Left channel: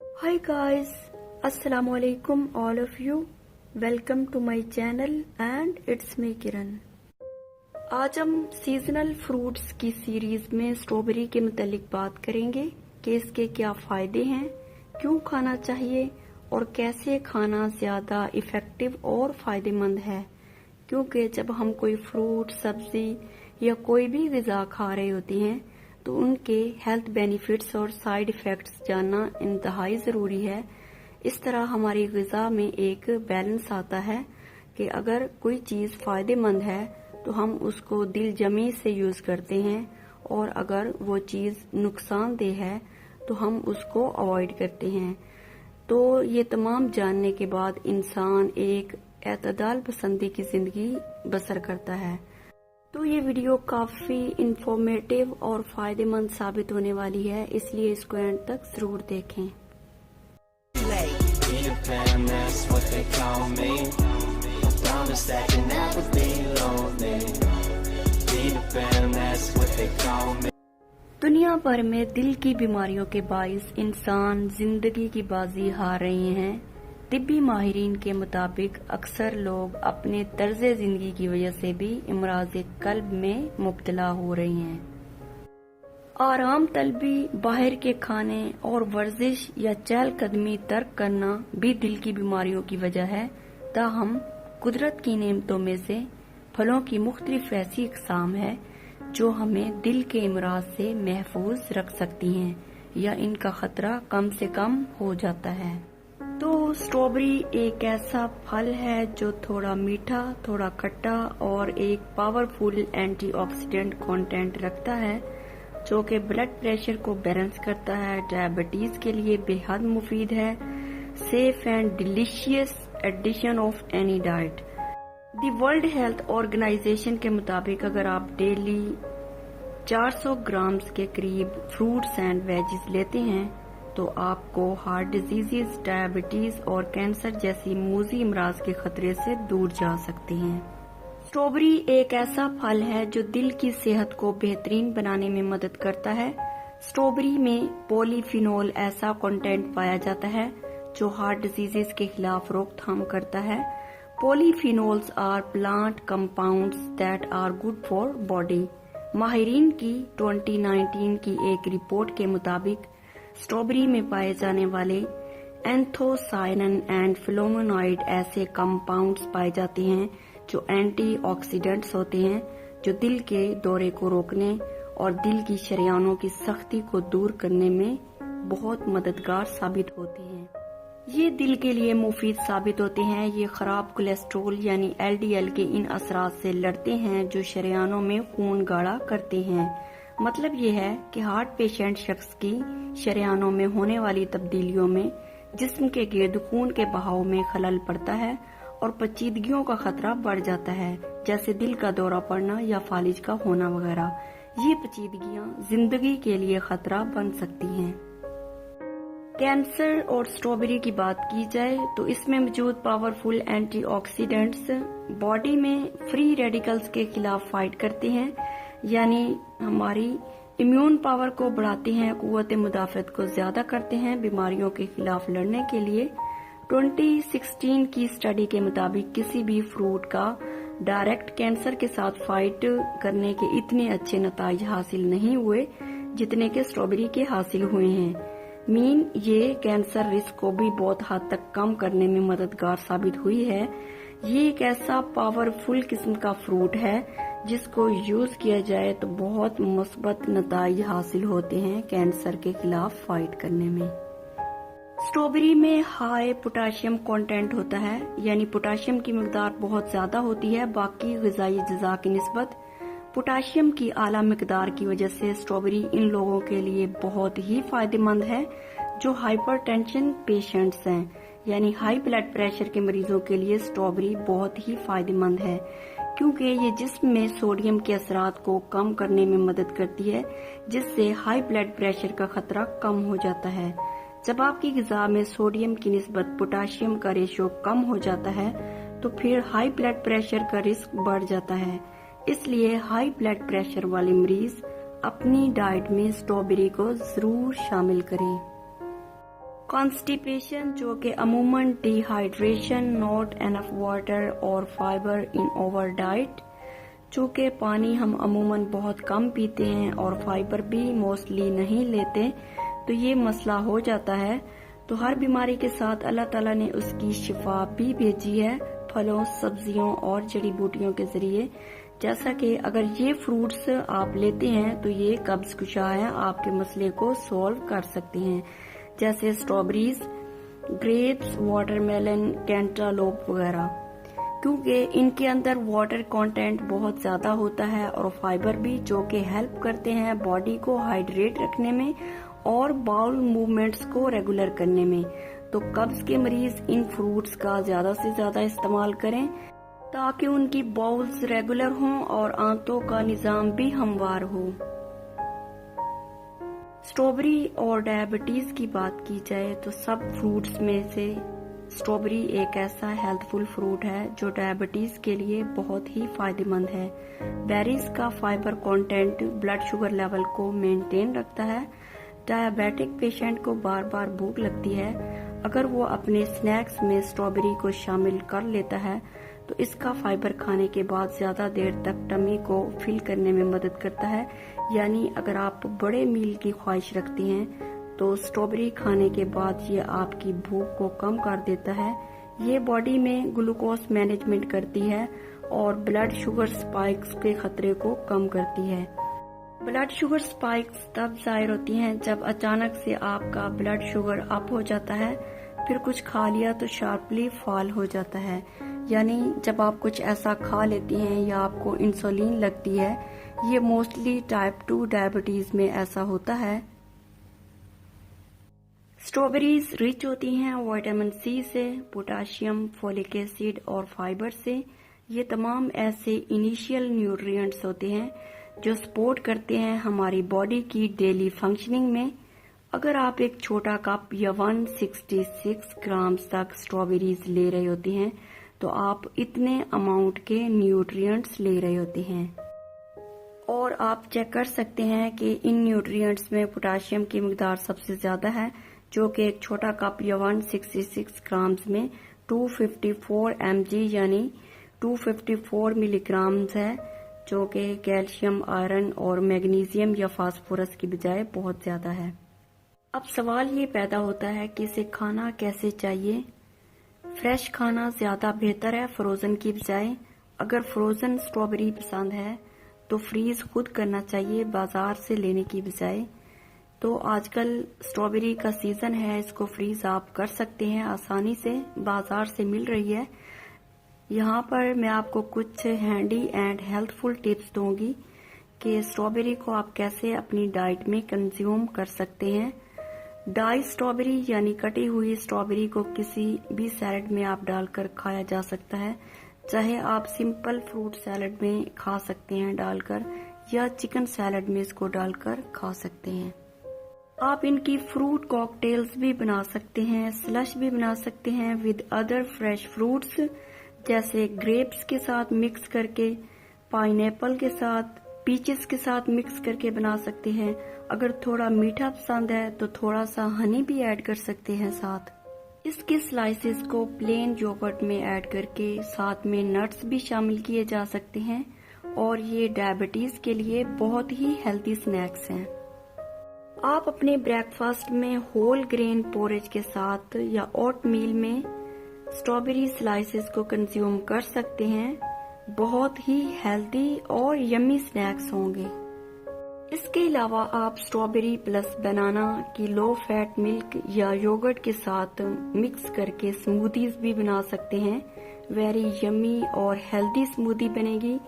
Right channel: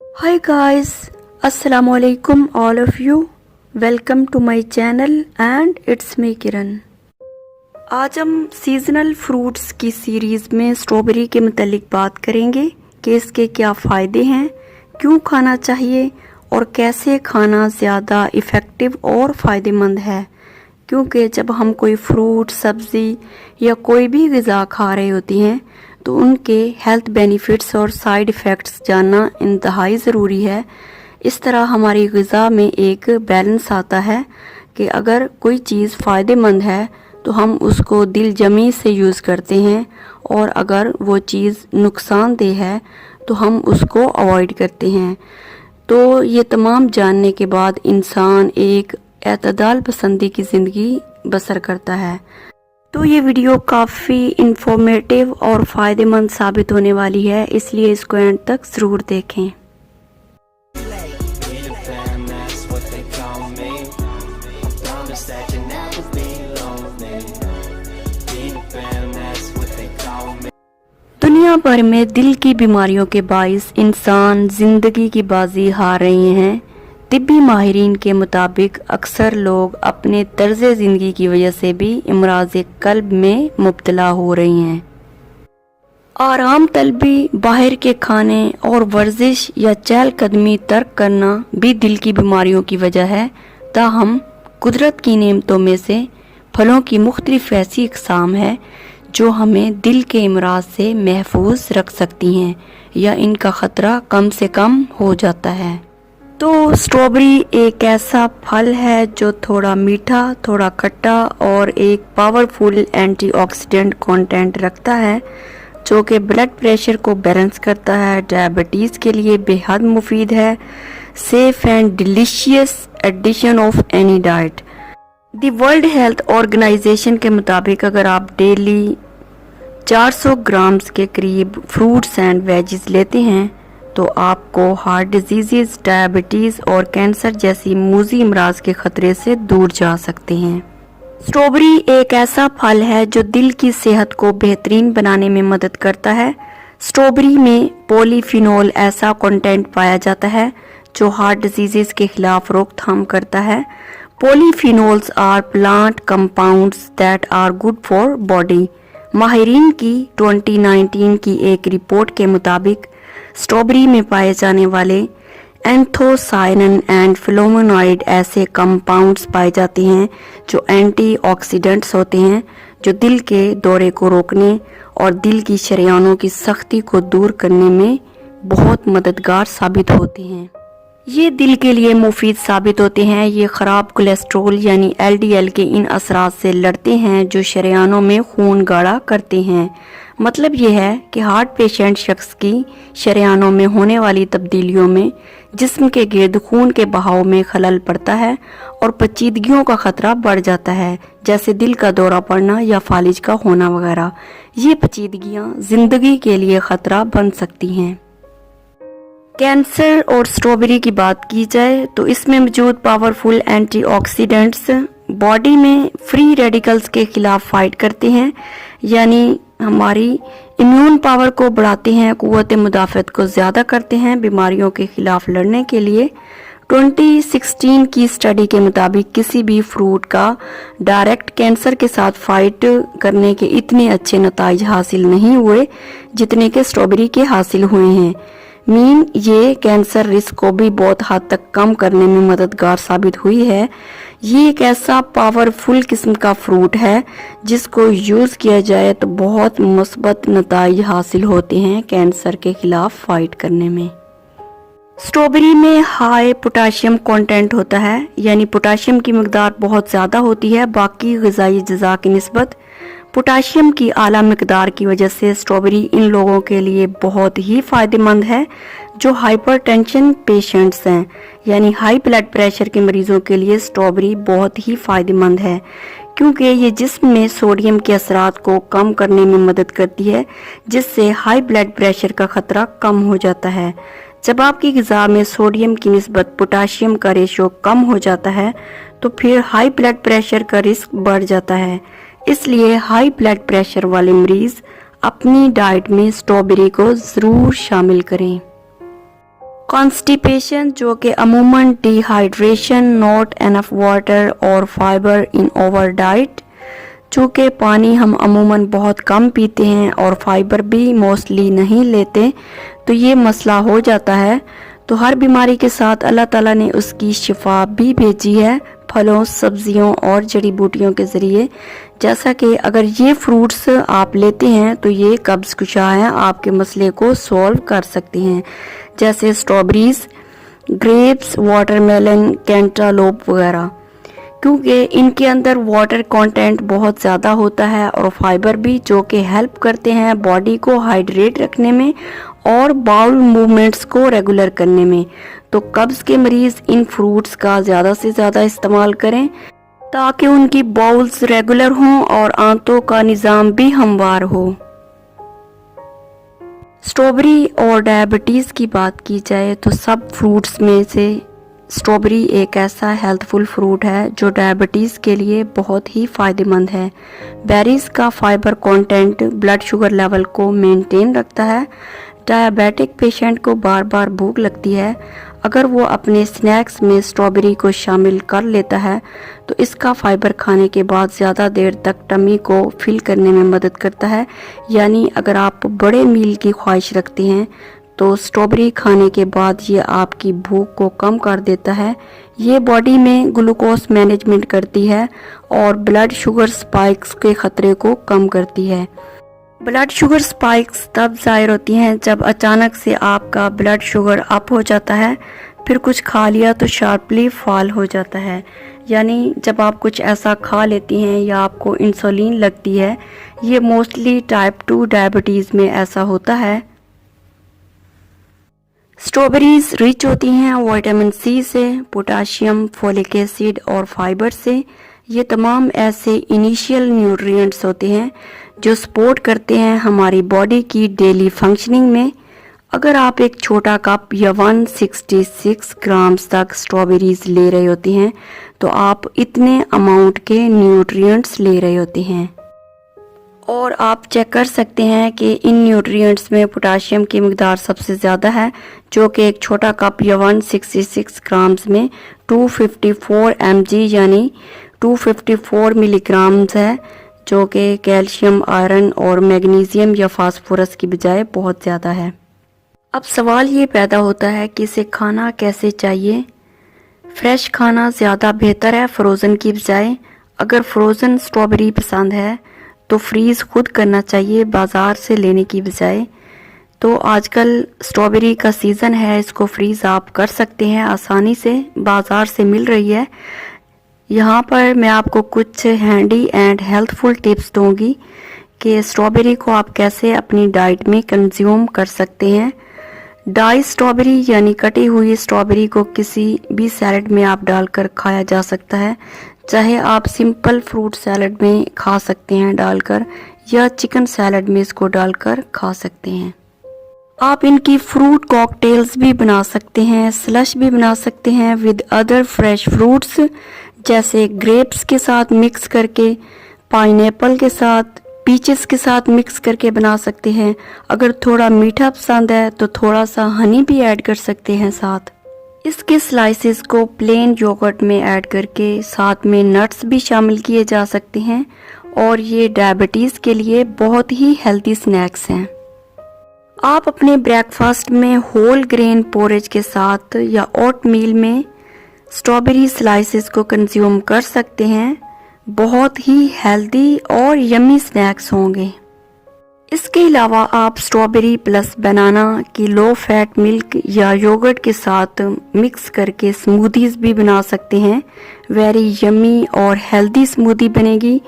Hi guys, Assalamu alaikum all of you. Welcome to my channel and it's me किरण। आज हम seasonal fruits की series में strawberry के मुतालिक बात करेंगे कि इसके क्या फ़ायदे हैं, क्यों खाना चाहिए और कैसे खाना ज़्यादा इफ़ेक्टिव और फ़ायदेमंद है। क्योंकि जब हम कोई फ्रूट, सब्ज़ी या कोई भी ग़िज़ा खा रहे होती हैं तो उनके हेल्थ बेनिफिट्स और साइड इफ़ेक्ट्स जानना इंतहाई ज़रूरी है। इस तरह हमारी ग़िज़ा में एक बैलेंस आता है कि अगर कोई चीज़ फ़ायदेमंद है तो हम उसको दिल जमी से यूज़ करते हैं और अगर वो चीज़ नुकसानदेह है तो हम उसको अवॉइड करते हैं। तो ये तमाम जानने के बाद इंसान एक एतदाल पसंदी की ज़िंदगी बसर करता है। तो ये वीडियो काफ़ी इंफॉर्मेटिव और फ़ायदेमंद साबित होने वाली है, इसलिए इसको एंड तक ज़रूर देखें। दुनिया भर में दिल की बीमारियों के बाइस इंसान ज़िंदगी की बाजी हार रहे हैं। तिब्बी माहिरीन के मुताबिक अक्सर लोग अपने तर्ज ज़िंदगी की वजह से भी इमराज़ क़ल्ब में मुब्तला हो रही हैं। आराम तलबी, बाहर के खाने और वर्जिश या चहलकदमी तर्क करना भी दिल की बीमारियों की वजह है। ताहम कुदरत की नेमतों में से फलों की मुख्तलिफ ऐसी इक़साम है जो हमें दिल के इमराज से महफूज रख सकती हैं या इनका ख़तरा कम से कम हो जाता है। तो स्ट्रॉबेरी एक ऐसा फल है जो थोड़ा मीठा, थोड़ा खट्टा और एक पावरफुल एंटीऑक्सीडेंट कंटेंट रखता है जो कि ब्लड प्रेशर को बैलेंस करता है, डायबिटीज़ के लिए बेहद मुफीद है, safe and delicious addition of any diet. The World Health Organization के मुताबिक अगर आप डेली 400 ग्राम्स के करीब फ्रूट्स एंड वेजिस लेते हैं तो आपको हार्ट डिजीज़, डायबिटीज़ और कैंसर जैसी मूजी अमराज के ख़तरे से दूर जा सकते हैं। स्ट्रॉबेरी एक ऐसा फल है जो दिल की सेहत को बेहतरीन बनाने में मदद करता है। स्ट्रॉबेरी में पॉलीफिनोल ऐसा कंटेंट पाया जाता है जो हार्ट डिजीज़ के खिलाफ रोकथाम करता है। Polyphenols are plant compounds that are good for body. माहिरीन की 2019 की एक रिपोर्ट के मुताबिक स्ट्रॉबेरी में पाए जाने वाले एंथोसायनिन एंड फ्लेवोनॉइड ऐसे कंपाउंड्स पाए जाते हैं जो एंटीऑक्सीडेंट्स होते हैं, जो दिल के दौरे को रोकने और दिल की शरेयानों की सख्ती को दूर करने में बहुत मददगार साबित होते हैं। ये दिल के लिए मुफीद साबित होते हैं। ये ख़राब कोलेस्ट्रॉल यानी LDL के इन असरात से लड़ते हैं जो शरेयानों में खून गाढ़ा करते हैं। मतलब ये है कि हार्ट पेशेंट शख्स की शरेयानों में होने वाली तब्दीलियों में जिस्म के गिर्द खून के बहाव में खलल पड़ता है और पेचीदगियों का ख़तरा बढ़ जाता है, जैसे दिल का दौरा पड़ना या फालिज का होना वगैरह। ये पेचीदगियाँ ज़िंदगी के लिए ख़तरा बन सकती हैं। कैंसर और स्ट्रॉबेरी की बात की जाए तो इसमें मौजूद पावरफुल एंटीऑक्सीडेंट्स बॉडी में फ्री रेडिकल्स के खिलाफ फाइट करते हैं, यानी हमारी इम्यून पावर को बढ़ाते हैं, क़ुव्वत मुदाफ़त को ज़्यादा करते हैं बीमारियों के खिलाफ लड़ने के लिए। 2016 की स्टडी के मुताबिक किसी भी फ्रूट का डायरेक्ट कैंसर के साथ फाइट करने के इतने अच्छे नताइज हासिल नहीं हुए जितने के स्ट्रॉबेरी के हासिल हुए हैं। ये कैंसर रिस्क को भी बहुत हद तक कम करने में मददगार साबित हुई है। ये एक ऐसा पावरफुल किस्म का फ्रूट है जिसको यूज़ किया जाए तो बहुत मुस्बत नताइज हासिल होते हैं कैंसर के खिलाफ फाइट करने में। स्ट्रॉबेरी में हाई पोटाशियम कंटेंट होता है, यानी पोटाशियम की मकदार बहुत ज़्यादा होती है बाकी ग़िज़ाई अज़्ज़ा की निस्बत। पोटाशियम की आला मकदार की वजह से स्ट्रॉबेरी इन लोगों के लिए बहुत ही फ़ायदेमंद है जो हाइपरटेंशन पेशेंट्स हैं, यानी हाई ब्लड प्रेशर के मरीज़ों के लिए स्ट्रॉबेरी बहुत ही फ़ायदेमंद है क्योंकि ये जिस्म में सोडियम के असरात को कम करने में मदद करती है, जिससे हाई ब्लड प्रेशर का ख़तरा कम हो जाता है। जब आपकी ग़िज़ा में सोडियम की निस्बत पोटाशियम का रेशो कम हो जाता है तो फिर हाई ब्लड प्रेशर का रिस्क बढ़ जाता है। इसलिए हाई ब्लड प्रेशर वाले मरीज़ अपनी डाइट में स्ट्रॉबेरी को ज़रूर शामिल करें। कॉन्स्टिपेशन, जो कि अमूमन डिहाइड्रेशन, नॉट एनफ वाटर और फाइबर इन ओवर डाइट, चूँकि पानी हम अमूमन बहुत कम पीते हैं और फाइबर भी मोस्टली नहीं लेते, तो ये मसला हो जाता है। तो हर बीमारी के साथ अल्लाह ताला ने उसकी शिफा भी भेजी है फलों, सब्जियों और जड़ी बूटियों के ज़रिए। जैसा कि अगर ये फ्रूट्स आप लेते हैं तो ये कब्ज़ कुशा है, आपके मसले को सॉल्व कर सकते हैं, जैसे स्ट्रॉबेरीज, ग्रेप्स, वाटरमेलन, कैंटालोप वगैरह, क्योंकि इनके अंदर वाटर कंटेंट बहुत ज़्यादा होता है और फाइबर भी, जो कि हेल्प करते हैं बॉडी को हाइड्रेट रखने में और बाउल मूवमेंट्स को रेगुलर करने में। तो कब्ज़ के मरीज़ इन फ्रूट्स का ज़्यादा से ज़्यादा इस्तेमाल करें ताकि उनकी बाउल्स रेगुलर हों और आंतों का निज़ाम भी हमवार हो। स्ट्रॉबेरी और डायबिटीज़ की बात की जाए तो सब फ्रूट्स में से स्ट्रॉबेरी एक ऐसा हेल्थफुल फ्रूट है जो डायबिटीज़ के लिए बहुत ही फ़ायदेमंद है। बेरीज का fibre content blood sugar level को मेंटेन रखता है। डायबिटिक पेशेंट को बार बार भूख लगती है, अगर वो अपने स्नैक्स में स्ट्रॉबेरी को शामिल कर लेता है तो इसका फाइबर खाने के बाद ज़्यादा देर तक टमी को फिल करने में मदद करता है। यानी अगर आप बड़े मील की ख्वाहिश रखते हैं तो स्ट्रॉबेरी खाने के बाद ये आपकी भूख को कम कर देता है। ये बॉडी में ग्लूकोज मैनेजमेंट करती है और ब्लड शुगर स्पाइक्स के ख़तरे को कम करती है। ब्लड शुगर स्पाइक्स तब ज़ाहिर होती हैं जब अचानक से आपका ब्लड शुगर अप हो जाता है, फिर कुछ खा लिया तो शार्पली फॉल हो जाता है। यानी जब आप कुछ ऐसा खा लेती हैं या आपको इंसुलिन लगती है, ये मोस्टली टाइप 2 डायबिटीज़ में ऐसा होता है। स्ट्रॉबेरीज रिच होती हैं विटामिन सी से, पोटाशियम, फोलिक एसिड और फाइबर से। ये तमाम ऐसे इनिशियल न्यूट्रिएंट्स होते हैं जो सपोर्ट करते हैं हमारी बॉडी की डेली फंक्शनिंग में। अगर आप एक छोटा कप या 166 ग्राम्स तक स्ट्रॉबेरीज ले रहे होते हैं तो आप इतने अमाउंट के न्यूट्रिएंट्स ले रहे होते हैं। और आप चेक कर सकते हैं कि इन न्यूट्रिएंट्स में पोटाशियम की मिकदार सबसे ज़्यादा है, जो कि एक छोटा कप या 166 ग्राम्स में 254 mg यानी 254 मिलीग्राम्स है, जो कि कैल्शियम, आयरन और मैग्नीशियम या फास्फोरस की बजाय बहुत ज़्यादा है। अब सवाल ये पैदा होता है कि इसे खाना कैसे चाहिए। फ्रेश खाना ज़्यादा बेहतर है फ्रोज़न की बजाय। अगर फ्रोज़न स्ट्रॉबेरी पसंद है तो फ्रीज़ खुद करना चाहिए बाज़ार से लेने की बजाय। तो आजकल स्ट्रॉबेरी का सीज़न है, इसको फ्रीज़ आप कर सकते हैं आसानी से, बाज़ार से मिल रही है। यहाँ पर मैं आपको कुछ हैंडी एंड हेल्थफुल टिप्स दूंगी कि स्ट्रॉबेरी को आप कैसे अपनी डाइट में कंज्यूम कर सकते हैं। डाई स्ट्रॉबेरी यानी कटी हुई स्ट्रॉबेरी को किसी भी सैलड में आप डालकर खाया जा सकता है, चाहे आप सिंपल फ्रूट सैलड में खा सकते हैं डालकर, या चिकन सैलड में इसको डालकर खा सकते हैं। आप इनकी फ्रूट कॉकटेल्स भी बना सकते हैं, स्लश भी बना सकते हैं विद अदर फ्रेश फ्रूट्स, जैसे ग्रेप्स के साथ मिक्स करके, पाइनएप्पल के साथ, पीचेस के साथ मिक्स करके बना सकते हैं। अगर थोड़ा मीठा पसंद है तो थोड़ा सा हनी भी ऐड कर सकते हैं साथ। इसके स्लाइसेस को प्लेन योगर्ट में ऐड करके साथ में नट्स भी शामिल किए जा सकते हैं और ये डायबिटीज़ के लिए बहुत ही हेल्दी स्नैक्स हैं। आप अपने ब्रेकफास्ट में होल ग्रेन पोरेज के साथ या ओट मील में स्ट्रॉबेरी स्लाइसेस को कंज्यूम कर सकते हैं। बहुत ही हेल्दी और यम्मी स्नैक्स होंगे। इसके अलावा आप स्ट्रॉबेरी प्लस बनाना की लो फैट मिल्क या योगर्ट के साथ मिक्स करके स्मूदीज भी बना सकते हैं। वेरी यम्मी और हेल्दी स्मूदी बनेगी,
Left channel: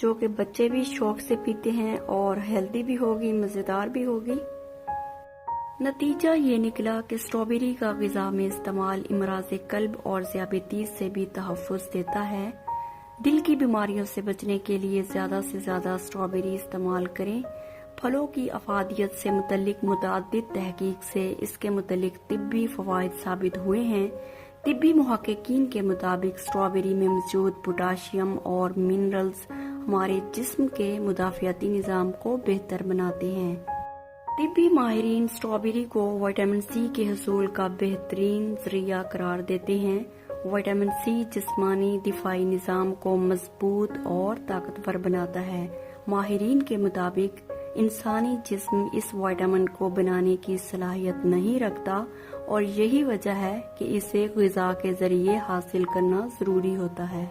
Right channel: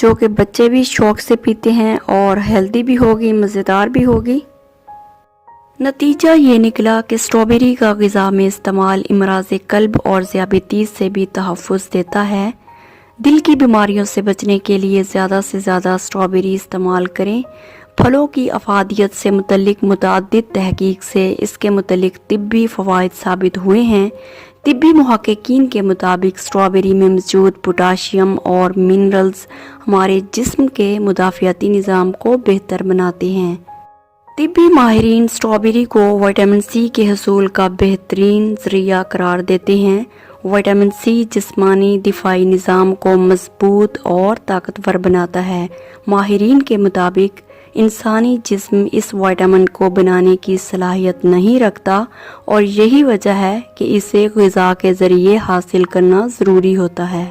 जो कि बच्चे भी शौक से पीते हैं और हेल्दी भी होगी, मज़ेदार भी होगी। नतीजा ये निकला कि स्ट्रॉबेरी का ग़िज़ा में इस्तेमाल इमराज़ क़ल्ब और ज़ियाबतीज़ से भी तहफ़्फ़ुज़ देता है। दिल की बीमारियों से बचने के लिए ज़्यादा से ज़्यादा स्ट्रॉबेरी इस्तेमाल करें। फलों की अफादियत से मुतल्लिक मुतअद्दिद तहक़ीक़ से इसके मुतल्लिक तिब्बी फ़वाइद साबित हुए हैं। तिब्बी मुहक़्क़िक़ीन के मुताबिक स्ट्रॉबेरी में मौजूद पोटाशियम और मिनरल्स हमारे जिस्म के मुदाफ़ियाती निज़ाम को बेहतर बनाते हैं। तिब्बी माहिरीन स्ट्रॉबेरी को विटामिन सी के हसूल का बेहतरीन ज़रिया करार देते हैं। विटामिन सी जिस्मानी दिफाई निज़ाम को मजबूत और ताकतवर बनाता है। माहिरीन के मुताबिक इंसानी जिस्म इस विटामिन को बनाने की सलाहियत नहीं रखता और यही वजह है कि इसे ग़िज़ा के ज़रिए हासिल करना ज़रूरी होता है।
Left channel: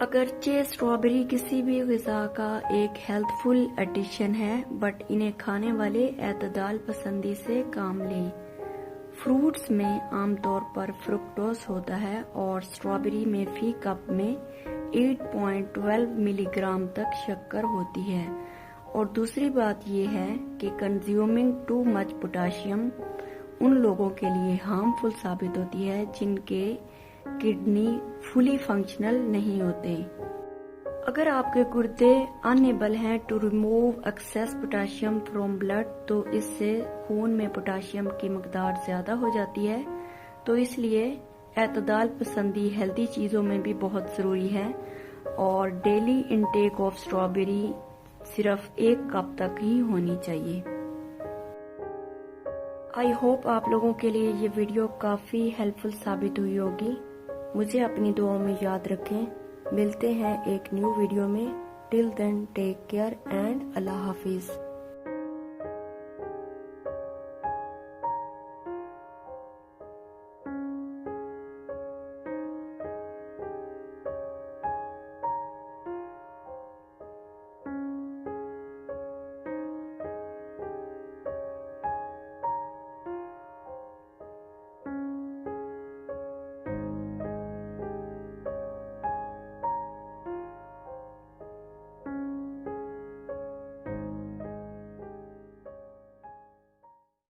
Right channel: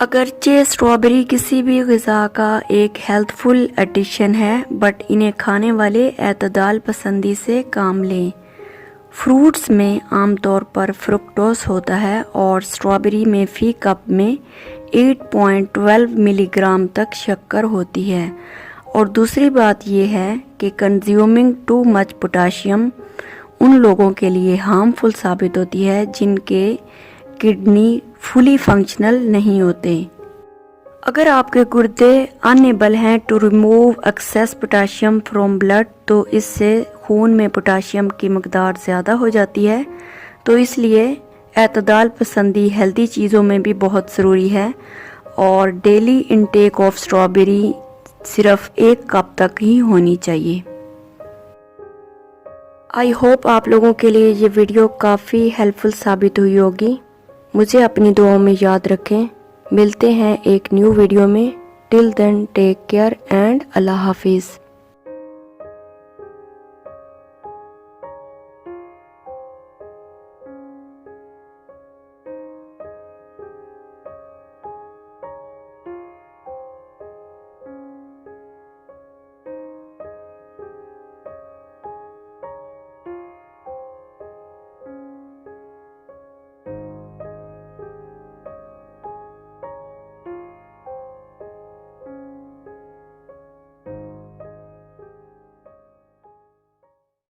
अगरचे स्ट्रॉबेरी किसी भी ग़िज़ा का एक हेल्थफुल एडिशन है, बट इन्हें खाने वाले एतदाल पसंदी से काम लें। फ्रूट्स में आमतौर पर फ्रुक्टोज होता है और स्ट्रॉबेरी में फ़ी कप में 8.12 मिलीग्राम तक शक्कर होती है। और दूसरी बात यह है कि कंज्यूमिंग टू मच पोटाशियम उन लोगों के लिए हार्मफुल साबित होती है जिनके किडनी फुली फंक्शनल नहीं होते। अगर आपके गुर्दे अनएबल हैं to remove excess potassium from blood, तो इससे खून में पोटाशियम की मकदार ज़्यादा हो जाती है। तो इसलिए एतदाल पसंदी हेल्दी चीज़ों में भी बहुत ज़रूरी है और डेली इनटेक ऑफ स्ट्रॉबेरी सिर्फ 1 कप तक ही होनी चाहिए। आई होप आप लोगों के लिए ये वीडियो काफ़ी हेल्पफुल साबित हुई होगी। मुझे अपनी दुआओं में याद रखें। मिलते हैं एक न्यू वीडियो में। Till then take care and अल्लाह हाफिज़।